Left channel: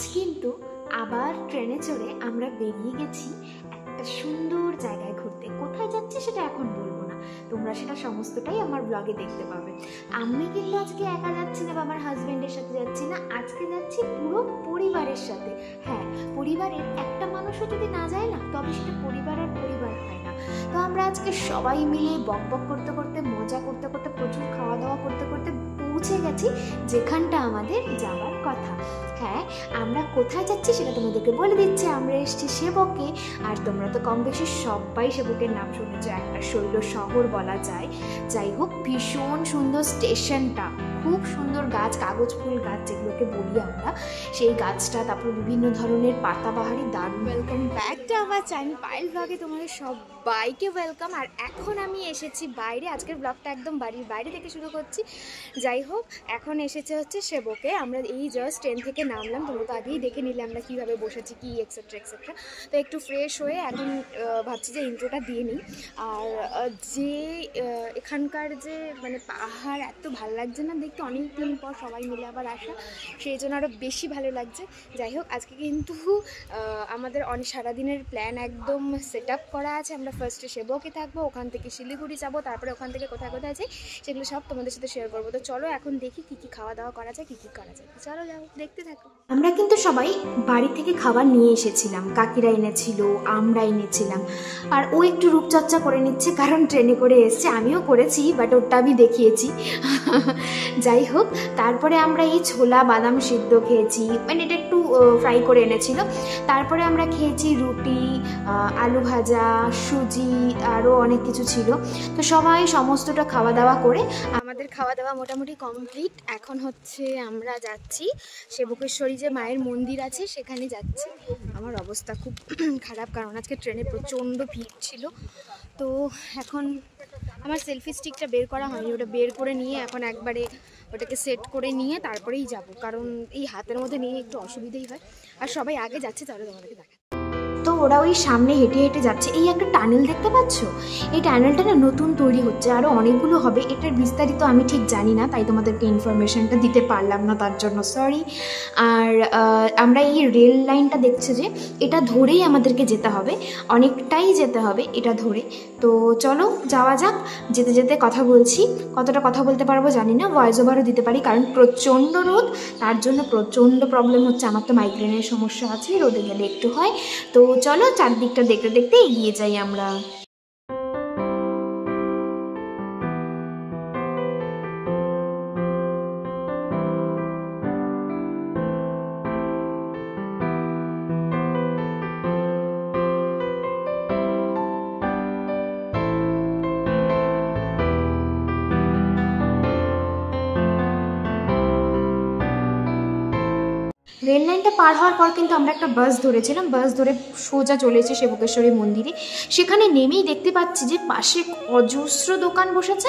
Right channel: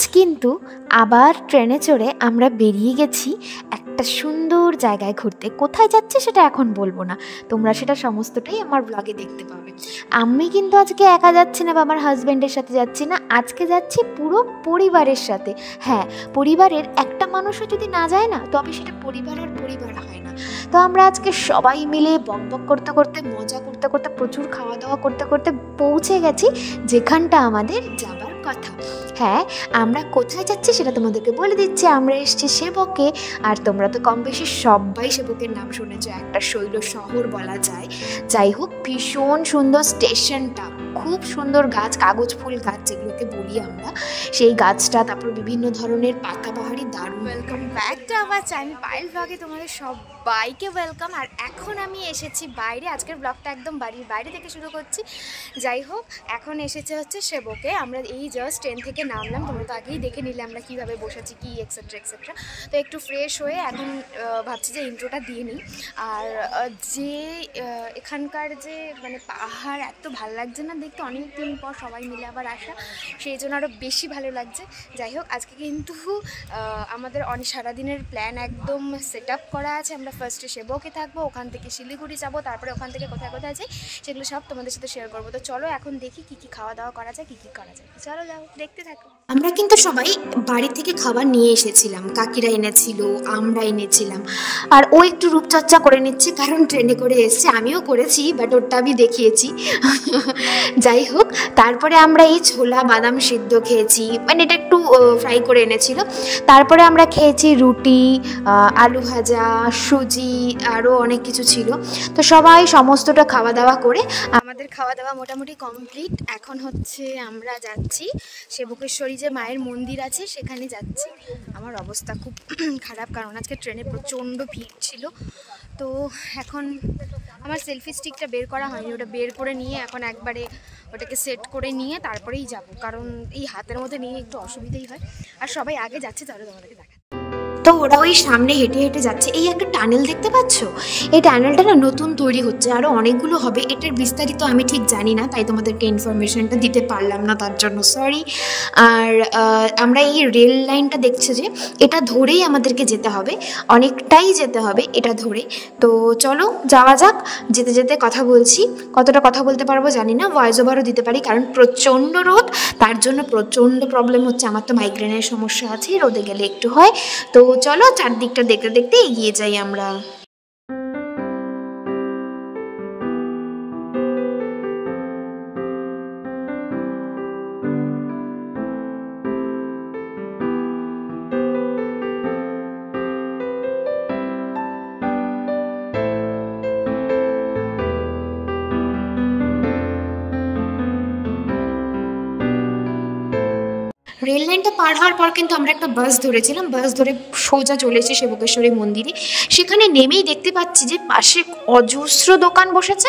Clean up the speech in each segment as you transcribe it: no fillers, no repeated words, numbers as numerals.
আজ কিন্তু আবার ট্রেনে চড়ে আমরা বেরিয়ে গেছি একটা সুন্দর জায়গায় ঘুরতে। কোথায় যাচ্ছি সেটা এখন বলবো না, তোমরা সেটা সমস্তটাই আমার ব্লগে দেখতে পাবে। আমি কিন্তু আজকে একা যাচ্ছি না বা আমার হাজব্যান্ডের সাথে যাচ্ছি না, আজকে যাচ্ছি পুরো পরিবারের সাথে। হ্যাঁ, পরিবারের একটা মানুষও যদি না যায় না তবে সেটা পরিবার হয় না। তো আমরা আজকে সবাই মিলে বক বক করতে করতে, মজা করতে করতে, প্রচুর খাওয়া দাওয়া করতে করতে পৌঁছে গেছি যেখানটা আমাদের যাবার কথা। হ্যাঁ, আমরা কোথায় যাচ্ছি সেটা তোমাদেরকে বলে দিচ্ছি। আমরা এসেছি সেবকে, আর তোমরা তো কম বেশি সবাই সেবকের নাম শুনেছ, একটা শৈল শহর বলা যায়। যাই হোক, ভীষণ সুন্দর স্টেশনটা, খুব সুন্দর গাছ, কাগজ ফুল গাছ যেগুলোকে বলি আমরা, সেই গাছটা, তারপর বিভিন্ন ধরনের পাতাবাহারি, দারুণ। Welcome back to our channel Payel ব্লগে তোমাদের সবাইকে ওয়েলকাম। আর এখন আমি এসেছি বাইরে, আজকের ব্লগটা একদম বাড়ির বাইরে থেকে শুরু করছি। যাই হোক, এখন এসেছে হচ্ছে সেবকে। আমরা এই জাস্ট ট্রেন থেকে নামলাম, তোমরা তো আগেই দেখে নিলে আমরা কীভাবে বসেছি, কি এক্সেট্রা এক্সেট্রা। তো একটু ফ্রেশ হয়ে এখন ভাবছি যে ইন্ট্রোটা দিয়ে নিই। আর যে এখানকার যে মানে পাহাড় এত ভালো লাগছে না দেখতে, অনেক দিন পর সবাই মিলে আবার আসা, সেই জন্য আরও বেশি ভালো লাগছে। যাই হোক, আজকে কিন্তু আমাদের অনেক সারাদিনের প্ল্যান একদম সেট আপ করা আছে। আমরা ফার্স্টে সেবকে থাকবো, ওখান থেকে শিলিগুড়ি যাবো, তারপরে ওখান থেকে কোথায় কোথায় যাই সেগুলো সব তোমাদের সাথে শেয়ার করবো। তো চলো এখন দেখি কী কী খাওয়া দাওয়া করা যায়, কী কী করা যায়। চলো যাও, দেখতে থাকো। আমরা কিন্তু সবাই বাড়ি থেকে খাবার নিয়ে এসেছিলাম, কাকিরা এনেছিল, আমরা এনেছিলাম। আর ও একটু রূপচর্চা করে নিচ্ছে কারণ ট্রেনে করে এসছে, আমিও করেছি বাট ওরটা আমি দেখিয়েছি। যাই হোক, তারপরে আমরা এই ছোলা বাদাম সিদ্ধ খেয়েছি, মানে এটা একটু ফ্রাই করে এনেছিল। তারপরে আমরা খেয়েছি রুটি, আলু ভাজা, সুজি, আরও অনেক কিছু ছিল। তো সবাই সমস্তটা খাওয়া দাওয়া করে আমাদের খাওয়া দাওয়া মোটামুটি কমপ্লিট। এখন হচ্ছে আমরা যাচ্ছি সেবকেশ্বরী যে মায়ের মন্দির আছে সেখানে যাচ্ছি। আমার অবস্থা খুব খারাপ কারণ আজকে ট্রেনে প্রচণ্ড ভিড় ছিল। তো এখন আমার সেলফি স্টিকটা বের করা হয়নি, ওটা বের করে নিয়ে এখন একবারে ওটাকে সেট করে নিয়ে তারপরেই যাব, কারণ এই হাতের মধ্যে নিয়ে একটু অসুবিধাই হয়। আর সবাই আগে যাচ্ছে, তাহলে তোমাদেরকে দেখা। তো ওরা ওই সামনে হেঁটে হেঁটে যাচ্ছে। এই একটা টানেল দেখতে পাচ্ছ, এই টানেলটা না নতুন তৈরি হচ্ছে, আরও অনেকগুলো হবে। এটার বিস্তারিত আমি ঠিক জানি না, তাই তোমাদেরকে ইনফরমেশনটা দিতে পারলাম না, তার জন্য সরি। আর আমরা এই রেল লাইনটা দেখছি যে এটা ধরেই আমাদেরকে যেতে হবে, অনেকটাই যেতে হবে এটা ধরে। তো চলো যাওয়া যাক। যেতে যেতে কথা বলছি, কতটা কথা বলতে পারবো জানি না, ভয়েস ওভারও দিতে পারি কারণ প্রচণ্ড রোদ, তার জন্য প্রচণ্ড প্রবলেম হচ্ছে। আমার তো মাইগ্রেনের সমস্যা আছে, রোদে গেলে একটু হয়। তো চলো চারদিকটা দেখতে দেখতে এগিয়ে যাই আমরা। রেল লাইনটা পার হওয়ার পর কিন্তু আমরা একটা বাস ধরেছিলাম, বাস ধরে সোজা চলে এসেছি সেবকেশ্বরী মন্দিরে। সেখানে নেমেই দেখতে পাচ্ছি যে পাশে অজস্র দোকান বসেছে,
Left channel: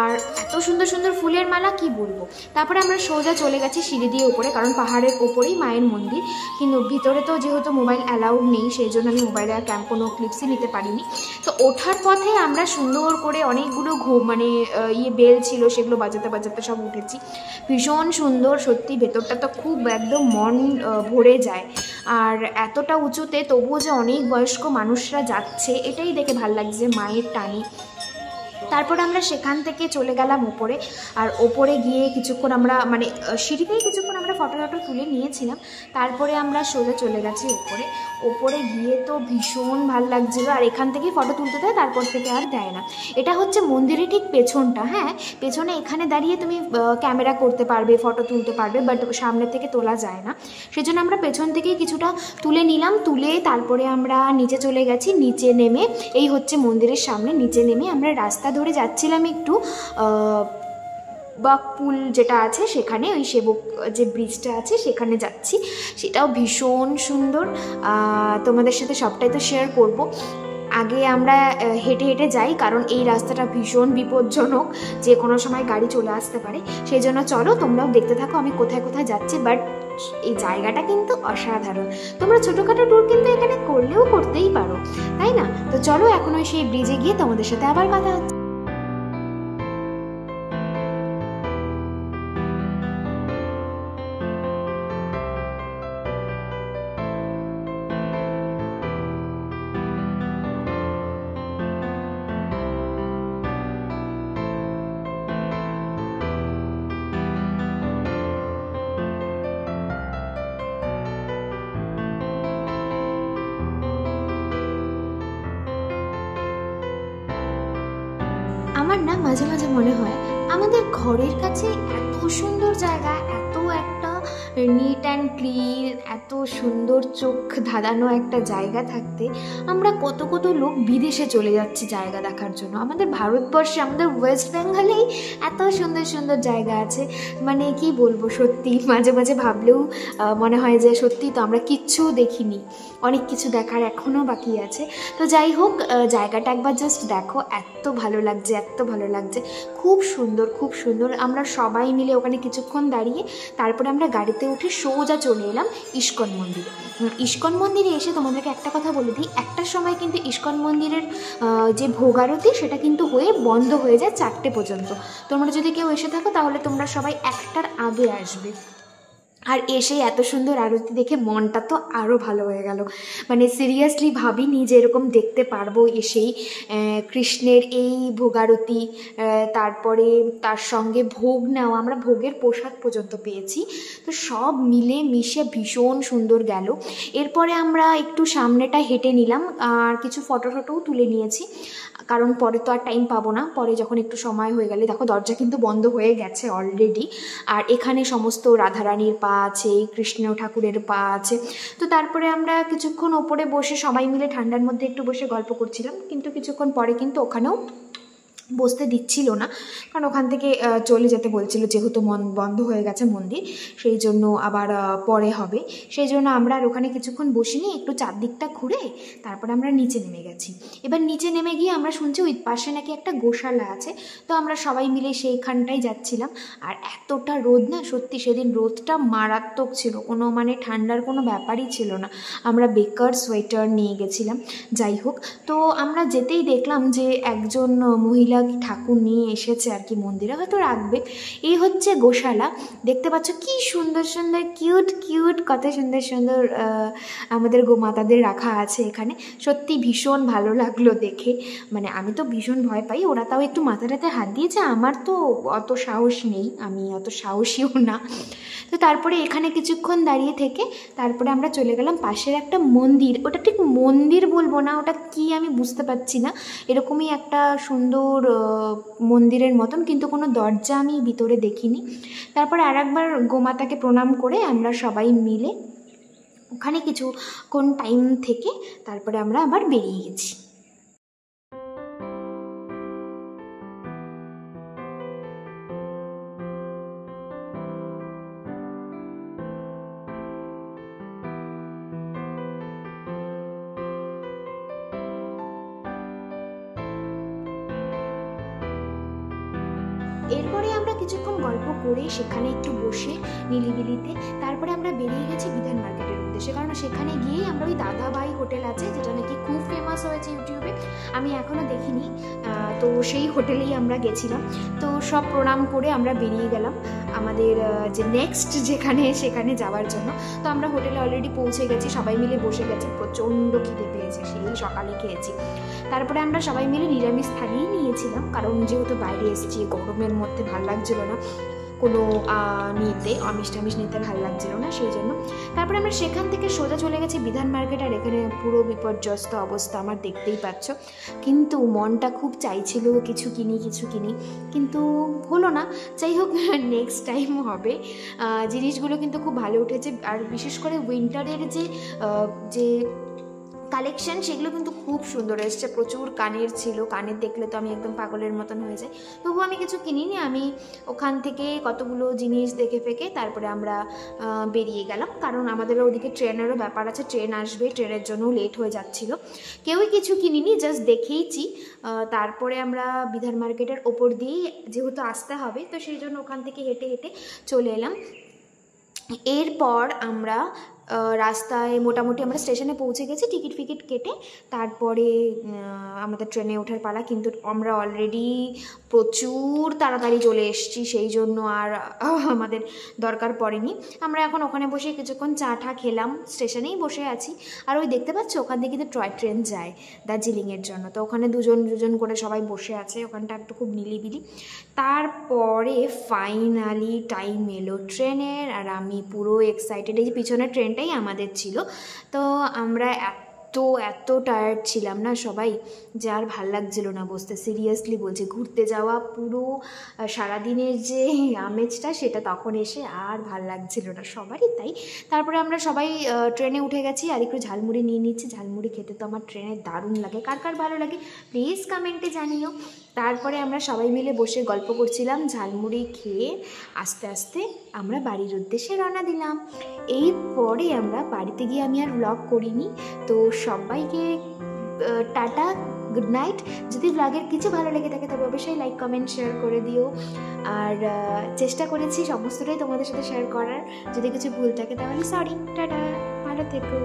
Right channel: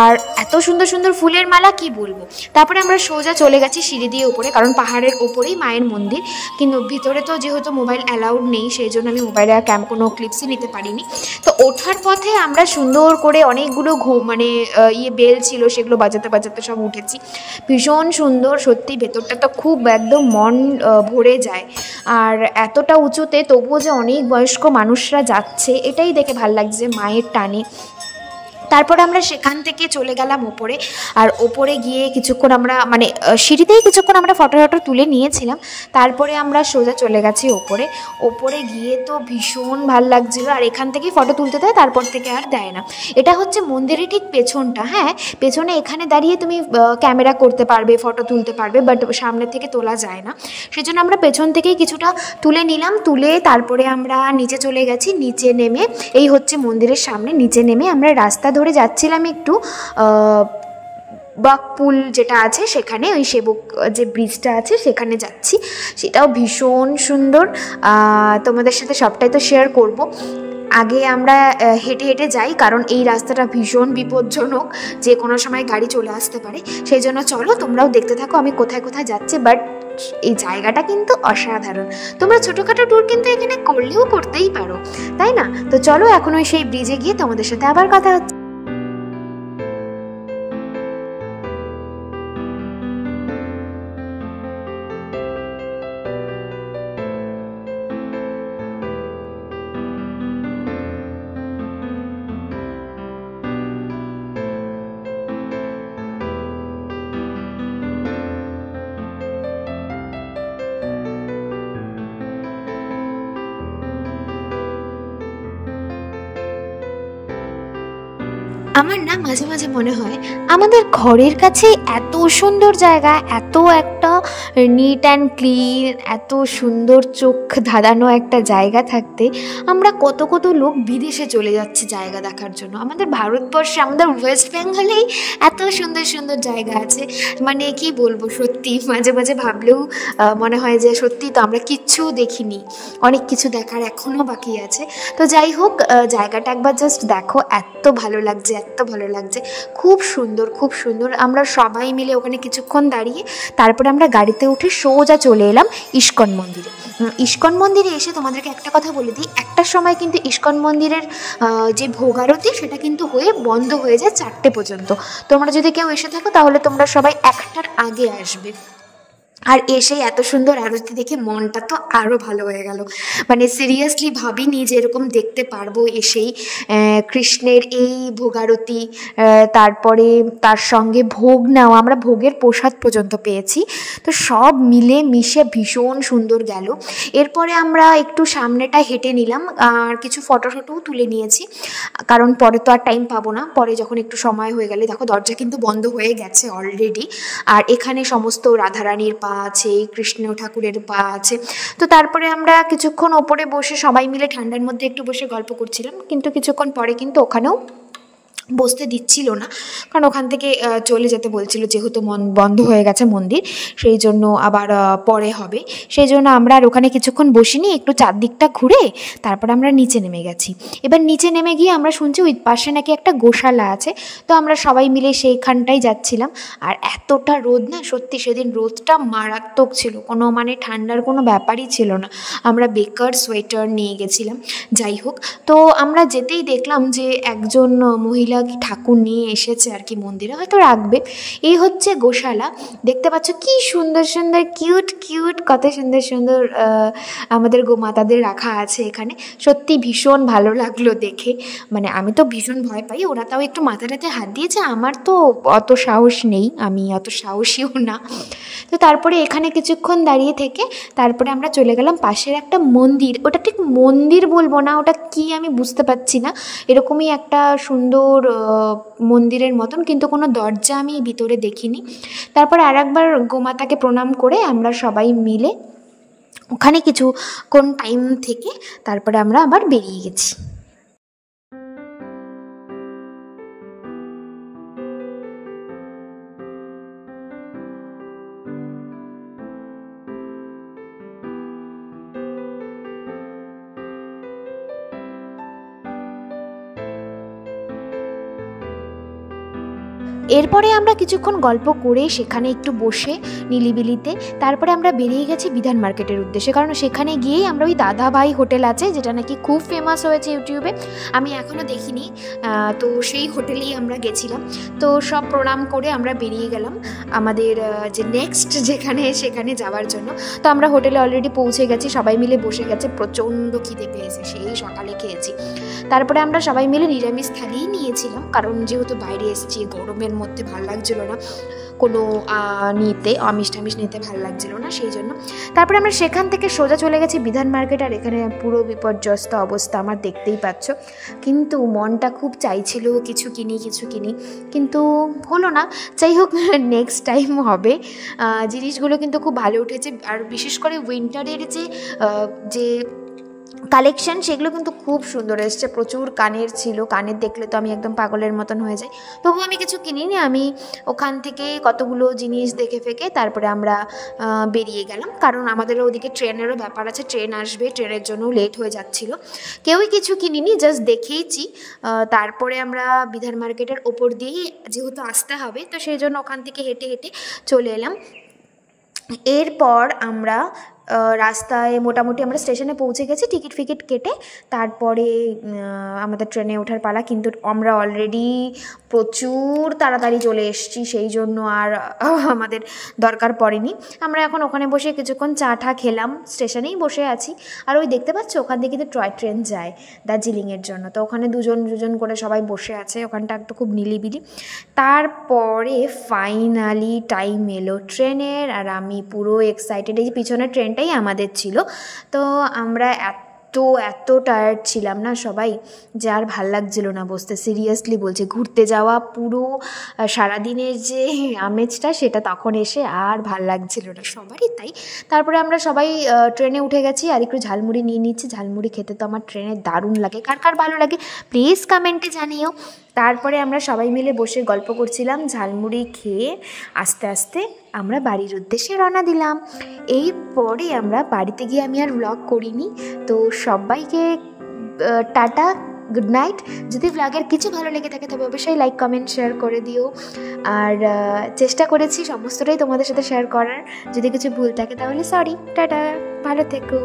আর এত সুন্দর সুন্দর ফুলের মালা, কি বলবো। তারপরে আমরা সোজা চলে গেছি সিঁড়ি দিয়ে ওপরে, কারণ পাহাড়ের ওপরেই মায়ের মন্দির। কিন্তু ভিতরে তো যেহেতু মোবাইল অ্যালাউড নেই, সেই জন্য আমি মোবাইলে আর কোনো ক্লিপসই নিতে পারিনি। তো ওঠার পথে আমরা সুন্দর করে অনেকগুলো মানে বেল ছিল, সেগুলো বাজাতে বাজাতে সব উঠেছি। ভীষণ সুন্দর সত্যি, ভেতরটা তো খুব একদম মন ভরে যায়। আর এতটা উঁচুতে তবুও যে অনেক বয়স্ক মানুষরা যাচ্ছে, এটাই দেখে ভাল লাগছে মায়ের টানে। তারপরে আমরা সেখান থেকে চলে গেলাম ওপরে, আর ওপরে গিয়ে কিছুক্ষণ আমরা মানে সিঁড়িতেই কিছুক্ষণ আমরা ফটো তুলে নিয়েছিলাম। তারপরে আমরা সোজা চলে গেছি ওপরে। ওপরে গিয়ে তো ভীষণ ভাল লাগছিল, আর এখান থেকেই ফটো তুলতে দেয়, তারপর থেকে আর দেয় না। এটা হচ্ছে মন্দিরের ঠিক পেছনটা। হ্যাঁ, পেছনে এখানে দাঁড়িয়ে তুমি ক্যামেরা করতে পারবে, ফটো তুলতে পারবে, বাট সামনে থেকে তোলা যায় না। সেজন্য আমরা পেছন থেকেই কিছুটা তুলে নিলাম, তুলে তারপরে আমরা নিচে চলে গেছি। নিচে নেমে এই হচ্ছে মন্দিরের সামনে, নিচে নেমে আমরা রাস্তা ধরে যাচ্ছিলাম একটু বাকপুল যেটা আছে সেখানে, ওই সেবক যে ব্রিজটা আছে সেখানে যাচ্ছি। সেটাও ভীষণ সুন্দর, তোমাদের সাথে সবটাই তো শেয়ার করব। আগে আমরা হেঁটে হেঁটে যাই কারণ এই রাস্তাটা ভীষণ বিপজ্জনক, যে কোনো সময় গাড়ি চলে আসতে পারে। সেই জন্য চলো তোমরাও দেখতে থাকো আমি কোথায় কোথায় যাচ্ছি। বাট এই জায়গাটা কিন্তু অসাধারণ, তোমরা ছোটোখাটো ট্যুর কিন্তু এখানে করলেও করতেই পারো, তাই না? তো চলো এখন ওই সেই ব্রিজে গিয়ে তোমাদের সাথে আবার কথা হচ্ছে। আমার না মাঝে মাঝে মনে হয় আমাদের ঘরের কাছে এত সুন্দর জায়গা, এত একটা নিট অ্যান্ড ক্লিন, এত সুন্দর চোখ ধাঁধানো একটা জায়গা থাকতে আমরা কত কত লোক বিদেশে চলে যাচ্ছে জায়গা দেখার জন্য। আমাদের ভারতবর্ষে, আমাদের ওয়েস্ট বেঙ্গলেই এত সুন্দর সুন্দর জায়গা আছে, মানে কি বলবো, সত্যি মাঝে মাঝে ভাবলেও মনে হয় যে সত্যি তো আমরা কিচ্ছু দেখিনি, অনেক কিছু দেখার এখনও বাকি আছে। তো যাই হোক, জায়গাটা একবার জাস্ট দেখো, এত ভালো লাগছে, এত ভালো লাগছে, খুব সুন্দর খুব সুন্দর। আমরা সবাই মিলে ওখানে কিছুক্ষণ দাঁড়িয়ে তারপরে আমরা গাড়িতে উঠে সোজা চলে এলাম ইস্কন মন্দিরে। ইস্কন মন্দিরে এসে তোমাদেরকে একটা কথা বলে দিই, একটার সময় কিন্তু ইস্কন মন্দিরের যে ভোগারতি সেটা কিন্তু হয়ে বন্ধ হয়ে যায় 4টে পর্যন্ত। তোমরা যদি কেউ এসে থাকো তাহলে তোমরা সবাই 1টার আগে আসবে। আর এসেই এত সুন্দর আরতি দেখে মনটা তো আরও ভালো হয়ে গেল, মানে সিরিয়াসলি ভাবিনি যে এরকম দেখতে পারবো এসেই কৃষ্ণের এই ভোগারতি, তারপরে তার সঙ্গে ভোগ নেওয়া, আমরা ভোগের প্রসাদ পর্যন্ত পেয়েছি। তো সব মিলে মিশে ভীষণ সুন্দর গেল। এরপরে আমরা একটু সামনেটা হেঁটে নিলাম আর কিছু ফটোও তুলে নিয়েছি, কারণ পরে তো আর টাইম পাবো না, পরে যখন একটু সময় হয়ে গেলে। দেখো দরজা কিন্তু বন্ধ হয়ে গেছে অলরেডি, আর এখানে সমস্ত রাধারানীর পা আছে, কৃষ্ণ ঠাকুরের পা আছে। তো তারপরে আমরা কিছুক্ষণ ওপরে বসে সবাই মিলে ঠান্ডার মধ্যে একটু বসে গল্প করছিলাম, কিন্তু কিছুক্ষণ পরে কিন্তু ওখানেও বসতে দিচ্ছিল না, কারণ ওখান থেকে চলে যেতে বলছিল, যেহেতু বন্ধ হয়ে গেছে মন্দির, সেই জন্য আবার পরে হবে। সেই জন্য আমরা আর ওখানে কিছুক্ষণ বসিনি, একটু চারদিকটা ঘুরে তারপর আমরা নিচে নেমে গেছি। এবার নিচে নেমে গিয়ে আমরা শুনছি ওই পাশে নাকি একটা গোশালা আছে, তো আমরা সবাই মিলে সেইখানটাই যাচ্ছিলাম। আর এতটা রোদ না, সত্যি সেদিন রোদটা মারাত্মক ছিল, কোনো মানে ঠান্ডার কোনো ব্যাপারই ছিল না। আমরা বেকার সোয়েটার নিয়ে গেছিলাম। যাই হোক, তো আমরা যেতেই দেখলাম যে একজন মহিলা ঠাকুর নিয়ে এসেছে আর কি মন্দিরে, হয়তো রাখবে। এই হচ্ছে গোশালা, দেখতে পাচ্ছ কি সুন্দর সুন্দর কিউট কিউট, কত সুন্দর সুন্দর আমাদের গোমাতাদের রাখা আছে এখানে। সত্যি ভীষণ ভালো লাগলো দেখে, মানে আমি তো ভীষণ ভয় পাই, ওরা তাও একটু মাথাটাতে হাত দিয়েছে, আমার তো অত সাহস নেই, আমি অত সাহসীও না। তো তারপরে এখানে কিছুক্ষণ দাঁড়িয়ে থেকে তারপরে আমরা চলে গেলাম পাশের একটা মন্দির, ওটা ঠিক মন্দির বলবো না, ওটা কি আমি বুঝতে পারছি না, এরকমই একটা সুন্দর মন্দিরের মতন, কিন্তু কোনো দরজা আমি ভিতরে দেখিনি। তারপর আর একবার গোমাতাকে প্রণাম করে আমরা সবাই মিলে ওখানে কিছুক্ষণ টাইম থেকে তারপরে আমরা আবার বেরিয়ে গেছি। এরপরে আমরা কিছুক্ষণ গল্প করে সেখানে একটু বসে নিলিবিলিতে তারপরে আমরা বেরিয়ে গেছি বিধান মার্কেটের উদ্দেশ্যে, কারণ সেখানে গিয়েই আমরা ওই দাদাভাই হোটেল আছে, যেটা নাকি খুব ফেমাস হয়েছে ইউটিউবে, আমি এখনও দেখিনি, তো সেই হোটেলেই আমরা গেছিলাম। তো সব প্রণাম করে আমরা বেরিয়ে গেলাম আমাদের যে নেক্সট সেখানে যাওয়ার জন্য। তো আমরা হোটেলে অলরেডি পৌঁছে গেছি, সবাই মিলে বসে গেছে, প্রচণ্ড খিদে পেয়েছে, সেই সকালে খেয়েছি। তারপরে আমরা সবাই মিলে নিরামিষ থালিই নিয়েছিলাম, কারণ যেহেতু বাইরে এসেছি গরমের মধ্যে ভাল লাগছিল না কোনো আমিষ টামিষ নিতে ভাল লাগছিল না, সেই জন্য। তারপরে আমরা সেখান থেকে সোজা চলে গেছি বিধান মার্কেট, আর এখানে পুরো বিপর্যস্ত অবস্থা আমার, দেখতেই পাচ্ছ। কিন্তু মনটা খুব চাইছিল কিছু কিনি, কিন্তু হলো না। যাই হোক, নেক্সট টাইম হবে। জিনিসগুলো কিন্তু খুব ভালো উঠেছে, আর বিশেষ করে উইন্টারের যে কালেকশান সেগুলো কিন্তু খুব সুন্দর এসছে, প্রচুর কানের ছিল, কানের দেখলে তো আমি একদম পাগলের মতন হয়ে যাই, তবু আমি কিছু কিনিনি। আমি ওখান থেকে কতগুলো জিনিস দেখে ফেকে তারপরে আমরা বেরিয়ে গেলাম, কারণ আমাদের ওদিকে ট্রেনেরও ব্যাপার আছে, ট্রেন আসবে, ট্রেনের জন্য লেট হয়ে যাচ্ছিল। কেউই কিছু কিনিনি, জাস্ট দেখেইছি। তারপরে আমরা বিধান মার্কেটের ওপর দিয়েই যেহেতু আসতে হবে, তো সেই জন্য ওখান থেকে হেঁটে হেঁটে চলে এলাম। এরপর আমরা রাস্তায় মোটামুটি আমরা স্টেশনে পৌঁছে গেছি, টিকিট ফিকিট কেটে তারপরে আমাদের ট্রেনে ওঠার পালা, কিন্তু আমরা অলরেডি প্রচুর তাড়াতাড়ি চলে এসেছি, সেই জন্য আর আমাদের দরকার পড়েনি। আমরা এখন ওখানে বসে কিছুক্ষণ চা টা খেলাম, স্টেশনেই বসে আছি। আর ওই দেখতে পাচ্ছ ওখান থেকে কিন্তু টয় ট্রেন যায় দার্জিলিংয়ের জন্য, তো ওখানে দুজন করে সবাই বসে আছে, ওখানটা একটু খুব নিলিবিলি। তারপরে ফাইনালি টাইম এলো ট্রেনের, আর আমি পুরো এক্সাইটেড, এই যে পিছনের ট্রেনটাই আমাদের ছিল। তো আমরা এত এত টায়ার্ড ছিলাম না সবাই, যে আর ভাল লাগছিল না বসতে। সিরিয়াসলি বলছি, ঘুরতে যাওয়া পুরো সারাদিনের যে আমেজটা সেটা তখন এসে আর ভাল লাগছিল না, সবারই তাই। তারপরে আমরা সবাই ট্রেনে উঠে গেছি, আর একটু ঝালমুড়ি নিয়ে নিচ্ছি। ঝালমুড়ি খেতে তো আমার ট্রেনে দারুণ লাগে, কার কার ভালো লাগে প্লিজ কমেন্টে জানিও। তারপরে আমরা সবাই মিলে বসে গল্প করছিলাম, ঝালমুড়ি খেয়ে আস্তে আস্তে আমরা বাড়ির উদ্দেশ্যে রওনা দিলাম। এই পরে আমরা বাড়িতে গিয়ে আমি আর ব্লগ করিনি। তো সবাইকে টাটা, গুড নাইট। যদি ব্লগের কিছু ভালো লেগে থাকে তবে অবশ্যই লাইক কমেন্ট শেয়ার করে দিও। আর চেষ্টা করেছি সমস্তটাই তোমাদের সাথে শেয়ার করার, যদি কিছু ভুল থাকে তাহলে সরি। টাটা, ভালো থেকো।